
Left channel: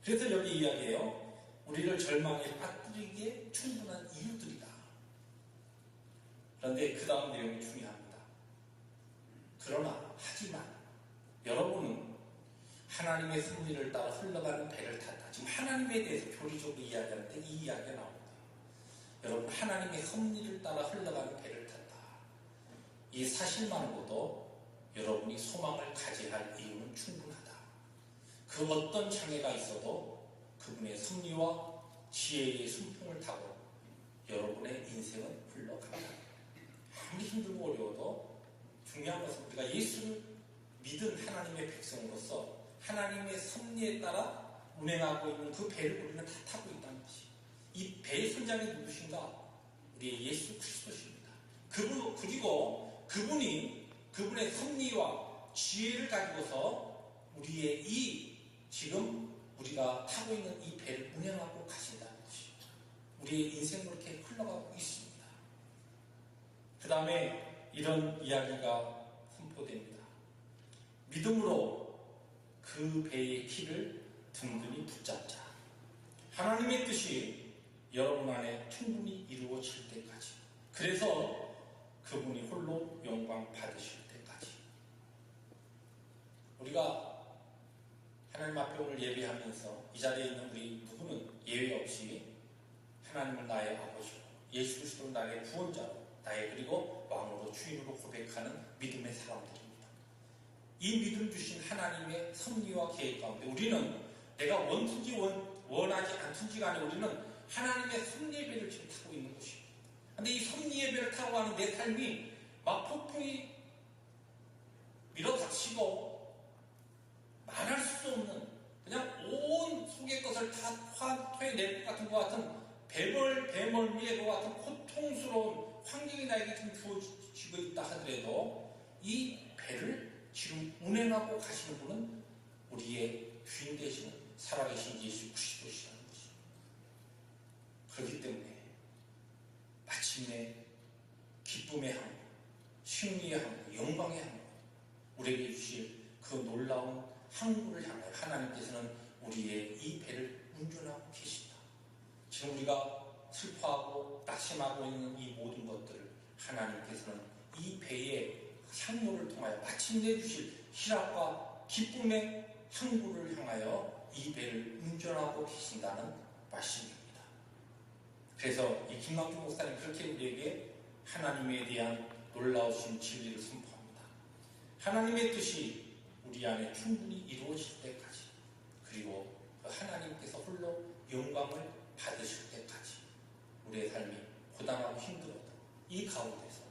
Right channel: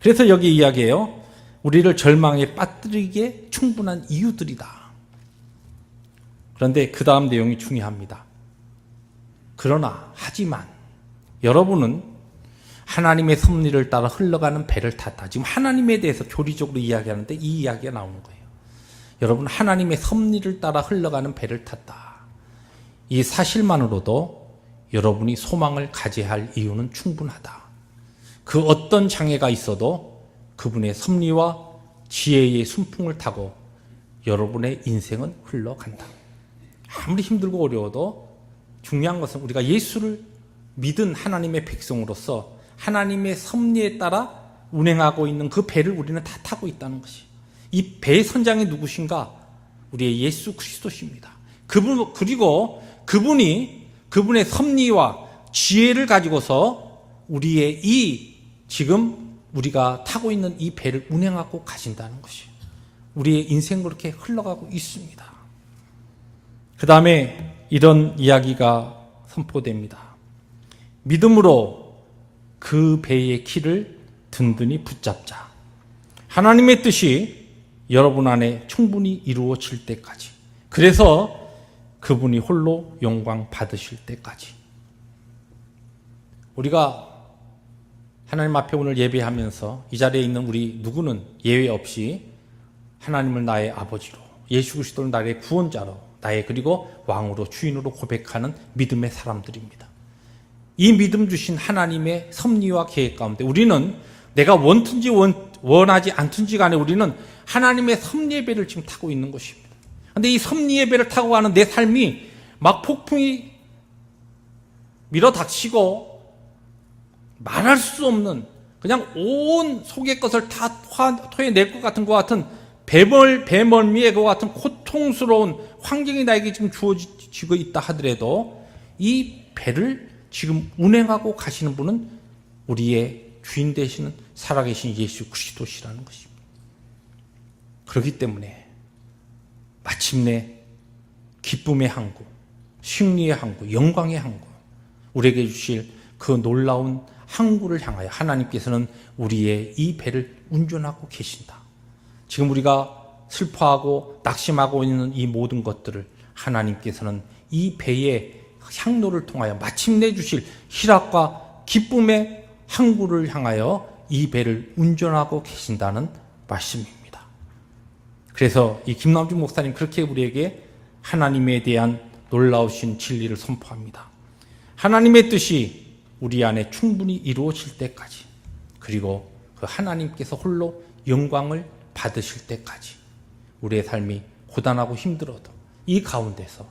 그래서 여기 이야기해요. 우리를 절망에 빠뜨리기에 충분한 이유들이다. 그런데 그 다음 내용이 중요합니다. 그러나 하지만 여러분은 하나님의 섭리를 따라 흘러가는 배를 탔다. 지금 하나님에 대해서 교리적으로 이야기하는데 이 이야기가 나오는 거예요. 여러분, 하나님의 섭리를 따라 흘러가는 배를 탔다. 이 사실만으로도 여러분이 소망을 가져야 할 이유는 충분하다. 그 어떤 장애가 있어도 그분의 섭리와 지혜의 순풍을 타고 여러분의 인생은 흘러간다. 아무리 힘들고 어려워도 중요한 것은 우리가 예수를 믿은 하나님의 백성으로서 하나님의 섭리에 따라 운행하고 있는 그 배를 우리는 다 타고 있다는 것이, 이 배의 선장이 누구신가? 우리의 예수 그리스도십니다. 그리고 그분의 섭리와 지혜를 가지고서 우리의 지금 우리가 타고 있는 이 배를 운행하고 가신다는 것이, 우리의 인생 그렇게 흘러가고 있습니다. 그 다음에 이런 이야기가 선포됩니다. 믿음으로 그 배의 키를 든든히 붙잡자. 하나님의 뜻이 여러분 안에 충분히 이루어질 때까지, 그래서 그분이 홀로 영광 받으실 때까지. 우리가 하나님 앞에 오늘 예배하면서 이 자리에 있는 우리 누구는 예외 없이 하나님을 나의 아버지로, 예수 그리스도를 나의 구원자로, 나의 그리고 왕으로, 주인으로 고백하는 믿음의 사람들입니다. 이 믿음 주신 하나님의 섭리와 계획 가운데 우리는 내가 원든지 원하지 않든지 간에 우리는 하나님의 섭리의 배를 지금 타고 있는 것입니다. 그런데 이 섭리의 배를 타고 가는 내 삶이 막 폭풍이 밀어닥치고 말할 수 없는, 그냥 온 속의 것을 다 토해낼 것 같은 배멀미의 것 같은 고통스러운 환경이 나에게 지금 주어지고 있다 하더라도 이 배를 지금 운행하고 가시는 분은 우리의 주인 되시는 살아계신 예수 그리스도시라는 것입니다. 그렇기 때문에 마침내 기쁨의 항구, 승리의 항구, 영광의 항구, 우리에게 주실 그 놀라운 항구를 향하여 하나님께서는 우리의 이 배를 운전하고 계신다. 지금 우리가 슬퍼하고 낙심하고 있는 이 모든 것들을 하나님께서는 이 배의 향로를 통하여 마침내 주실 희락과 기쁨의 항구를 향하여 이 배를 운전하고 계신다는 말씀입니다. 그래서 이 김남준 목사님 그렇게 우리에게 하나님에 대한 놀라우신 진리를 선포합니다. 하나님의 뜻이 우리 안에 충분히 이루어질 때까지, 그리고 그 하나님께서 홀로 영광을 받으실 때까지 우리의 삶이 고단하고 힘들어도 이 가운데서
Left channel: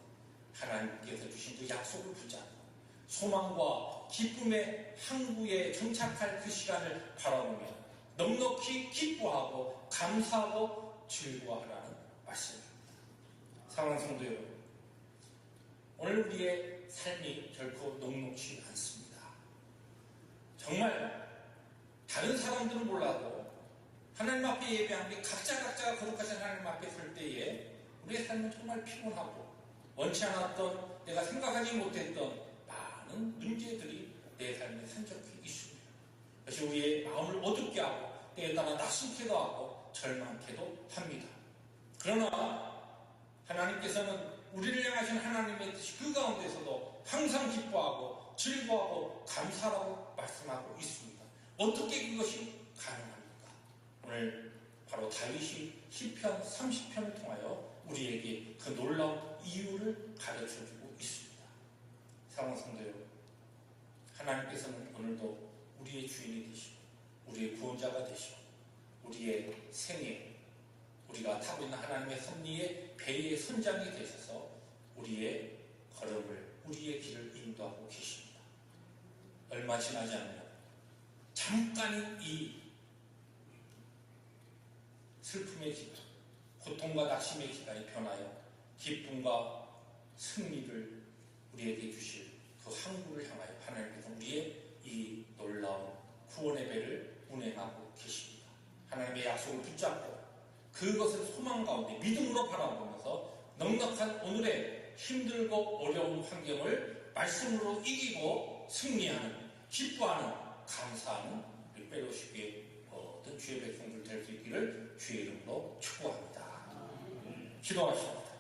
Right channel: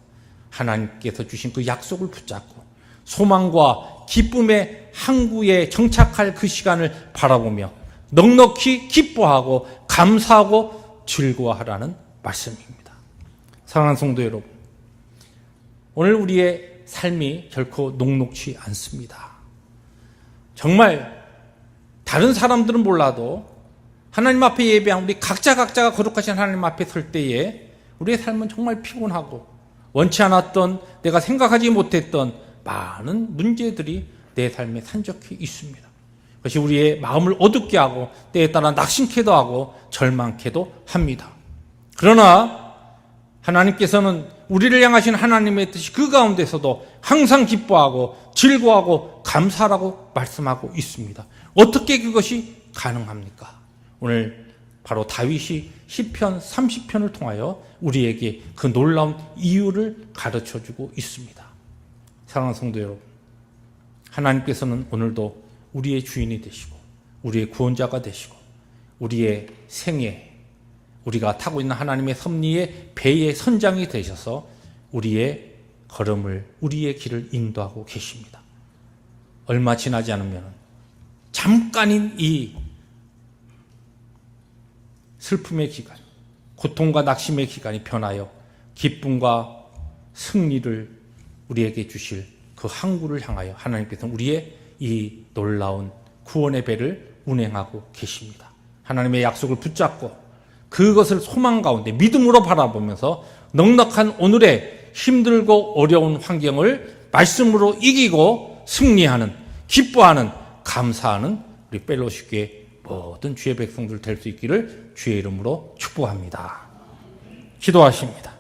하나님께서 주신 그 약속을 붙잡고 소망과 기쁨의 항구에 정착할 그 시간을 바라보며 넉넉히 기뻐하고 감사하고 즐거워하라는 말씀입니다. 사랑하는 성도 여러분, 오늘 우리의 삶이 결코 녹록지 않습니다. 정말 다른 사람들은 몰라도 하나님 앞에 예배한 우리 각자가 거룩하신 하나님 앞에 설 때에 우리의 삶은 정말 피곤하고 원치 않았던, 내가 생각하지 못했던 많은 문제들이 내 삶에 산적해 있습니다. 그것이 우리의 마음을 어둡게 하고 때에 따라 낙심케도 하고 절망케도 합니다. 그러나 하나님께서는 우리를 향하신 하나님의 뜻이 그 가운데서도 항상 기뻐하고 즐거워하고 감사하라고 말씀하고 있습니다. 어떻게 그것이 가능합니까? 오늘 바로 다윗이 시편 30편을 통하여 우리에게 그 놀라운 이유를 가르쳐주고 있습니다. 사랑하는 성도 여러분, 하나님께서는 오늘도 우리의 주인이 되시고 우리의 구원자가 되시고 우리의 생애, 우리가 타고 있는 하나님의 섭리의 배의 선장이 되셔서 우리의 걸음을, 우리의 길을 인도하고 계십니다. 얼마 지나지 않으면 잠깐인 이 슬픔의 기간, 고통과 낙심의 기간이 변하여 기쁨과 승리를 우리에게 주실 그 항구를 향하여 하나님께서는 우리의 이 놀라운 구원의 배를 운행하고 계십니다. 하나님의 약속을 붙잡고 그것을 소망 가운데 믿음으로 바라보면서 넉넉한 오늘의 힘들고 어려운 환경을 말씀으로 이기고 승리하는, 기뻐하는, 감사하는 우리 펠로시교의 모든 주의 백성들 될 수 있기를 주의 이름으로 축복합니다. 기도하십니다.